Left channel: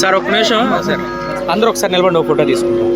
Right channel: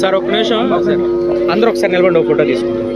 Sir ఒక్క నిమిషం sir, అందరూ ఒకసారి నిలబడి ఒక ఫోటో తీసుకుంటాం.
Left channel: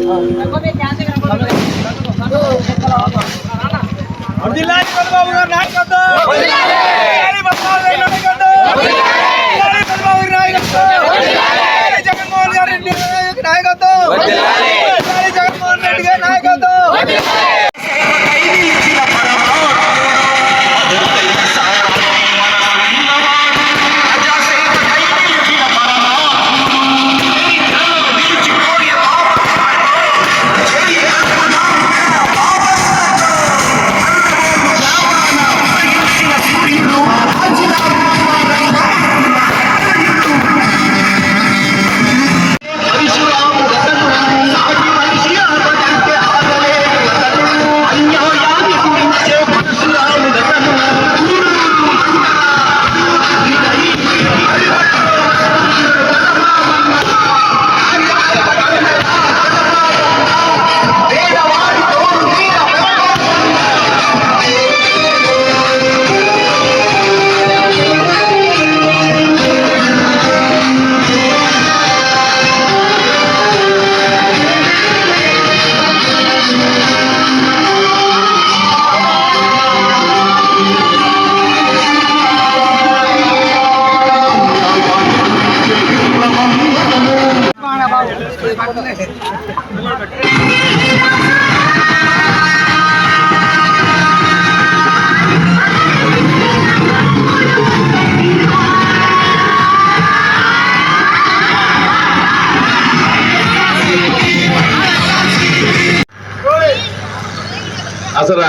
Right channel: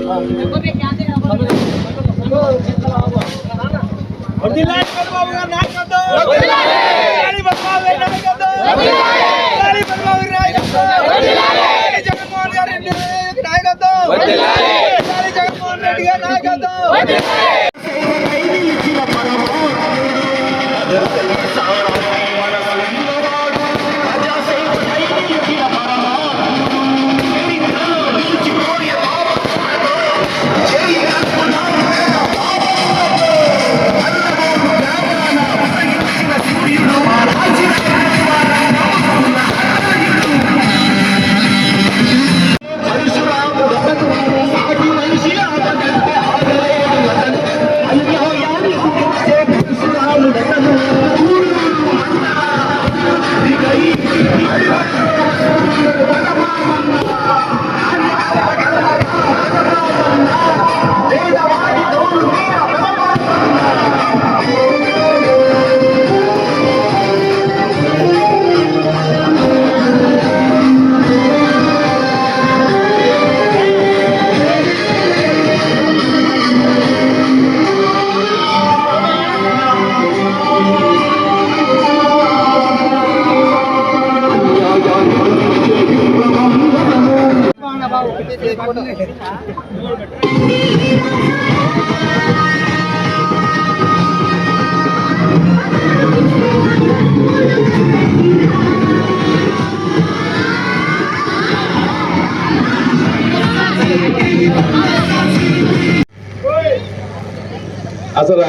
అసలు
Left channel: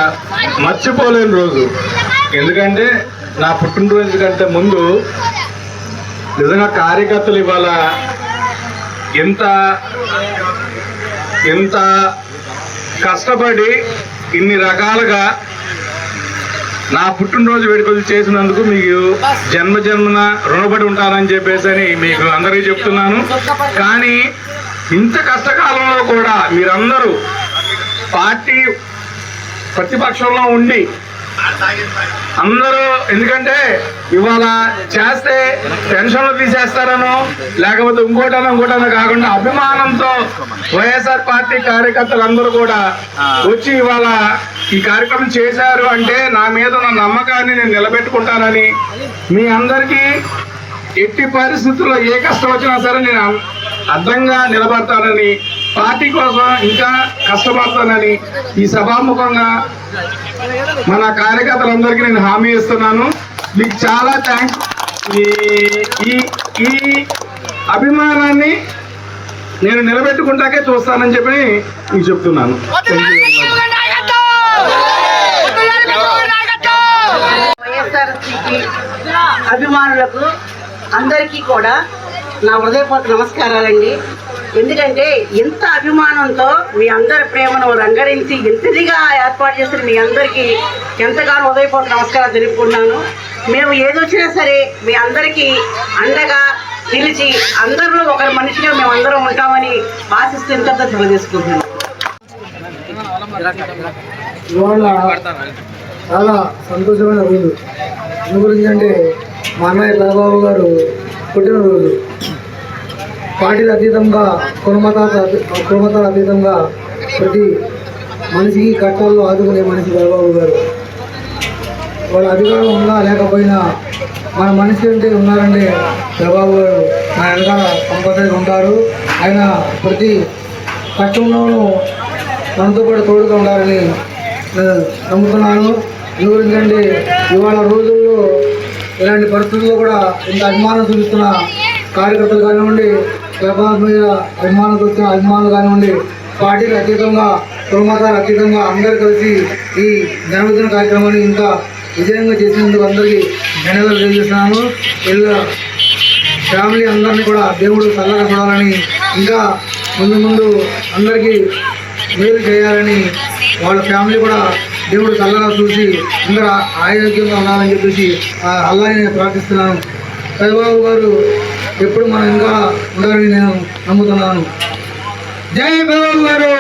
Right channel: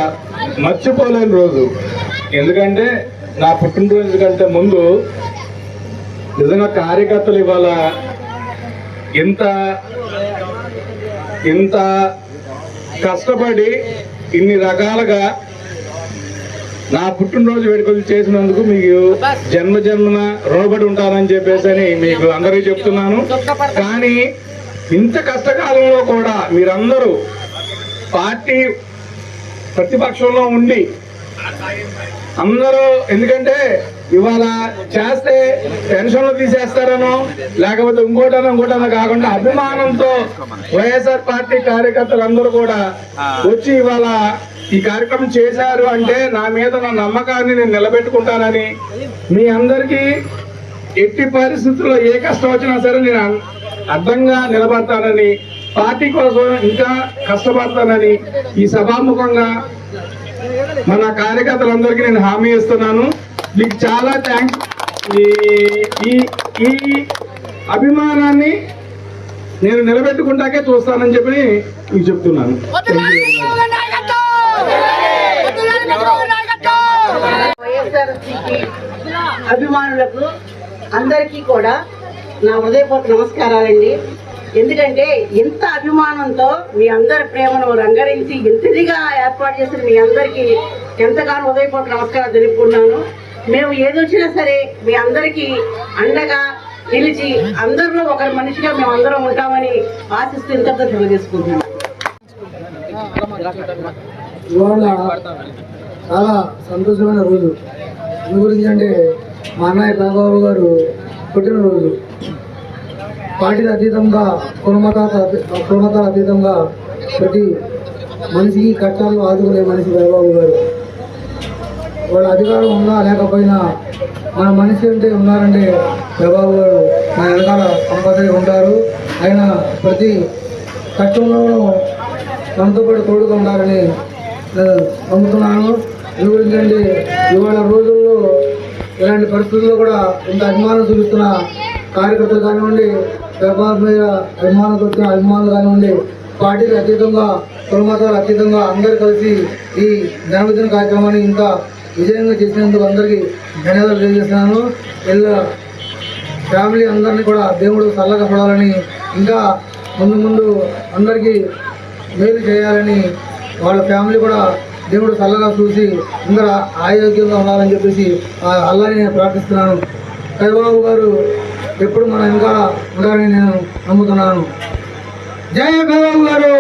మర్చిపోలేని రోజు. ఎందుకంటే నా పుట్టినరోజు కంటే ముందు నిజంగా కార్యకర్తలు ఇవాళ ఎంత కష్టపడి ఇన్ని రకాలుగా నా పుట్టినరోజు వేడుకలు చేసినందుకు మీకు జన్మన రుణపడి ఉంటానని చెప్పేసి అని మీకు అందరికీ చెప్తున్నాను. కానీ ఇంత కష్టకాలంలో కూడా మీరందరూ పార్టీ ప్రతిపక్షంలో ఉండి అందరూ, ఎందుకంటే ఇవాళ చేస్తే పెన్షన్లు తీసేస్తారనో లేకపోతే ఇంకోటనో కాకుండా అభిమానంతో వైఎస్ఆర్ పార్టీ కార్యకర్తలు అందరూ కూడా వచ్చి ఇవాళ ఈ కార్యక్రమం చేశారు అంటే నా మీద ఉన్న నమ్మకాన్ని నేను నిలబెట్టుకుంటానని, మీ అందరికీ ఎట్టి పరిస్థితుల్లో ఏ కష్టం వచ్చినా సరే నేను అడ్డంగా నిలబడతానని, పార్టీ కోసం ఇంకా కష్టపడతానని ఈ సభాముఖంగా మన కార్యకర్తలందరికీ నేను హామీ ఇస్తున్నాను. మీకు చాలా థ్యాంక్స్. ఈ అభిమానాన్ని నేను నిలబెట్టుకుంటాకే చూస్తానని చెప్పి మీకు చెప్తున్నాను. అభిమానులకు అందరికీ కూడా నా హృదయపూర్వక నమస్కారాలండి. ఎందుకంటే ఎంత అభిమానంతో మీ అందరి ప్రేమను రంగరించి ఇంతదిగా ఏర్పాటు చేసిన మీ అందరికీ ఎంతగానో హృదయపూర్వక నమస్కారాలు తెలుపుకున్నాను. మేము ఏదొచ్చినా సరే మీ అందరికీ అండగా నిలిచి అందరిలో ఒకరి మనిషిగా మేము అందరం ఉంటామని ఆశిస్తూ ఇంతతో తెలియజేసుకుంటున్నాను. ఇవాళ చాలా సంతోషమైన రోజు. గురించి అంటే మా అన్నయ్య రాఘబాబు గారు పుట్టినరోజు. పార్టీల అతీతంగా కులమతాల అతీతంగా ప్రతి మనిషికి కష్టాల్లో ఆదుకునే మనిషి రాఘబాబు గారు. వాళ్ళ అధికారం ఉన్నా లేకపోయినా మన మనిషి అంటే ఉన్నారంటే రాఘబాబు గారు నా వెనకాల కంపల్సరీగా ఉంటారు. ఆయన ప్రతి కష్టంలోనూ మనతో పాటు తోడుగా ఉండాలని నేను నమ్ముతున్నాను. ఎందుకంటే ఇవాళ రోజుల్లో ఇలాంటి పరిస్థితుల్లో కూడా ఇంత అభిమానం చూపిస్తున్న కార్యకర్తలు కానివ్వండి, వ్యాపారం మీద అభిమానంతో వచ్చిన అభిమానులు కానివ్వండి, పార్టీకి అతీతంగా కులమతాలకు అతీతంగా అందరూ కలిసి ఈ జన్మదిన కార్యక్రమాన్ని ఇంకా విజయంగా చేసినందుకు అందరికీ ధన్యవాదాలు తెలియజేస్తున్నాను. ఇలా ఫ్యామిలీ అందరినీ కూడా దేవుడు చల్లగా చూడాలని, ఇంకా ముందు అందరికీ మేలు చేయాలని, వాళ్ళ ఫ్యామిలీ కూడా దేవుడు చల్లగా చూసి అందరూ ఆరోగ్యంగా ఉండాలని చెప్పేసి అల్లాని నేను ప్రార్థిస్తున్నాను. రాఘబాబు గారు ఎప్పుడు మనం ఇంకా ఉండాలని నేను నమ్ముతున్నాను. జై బాబు గారు.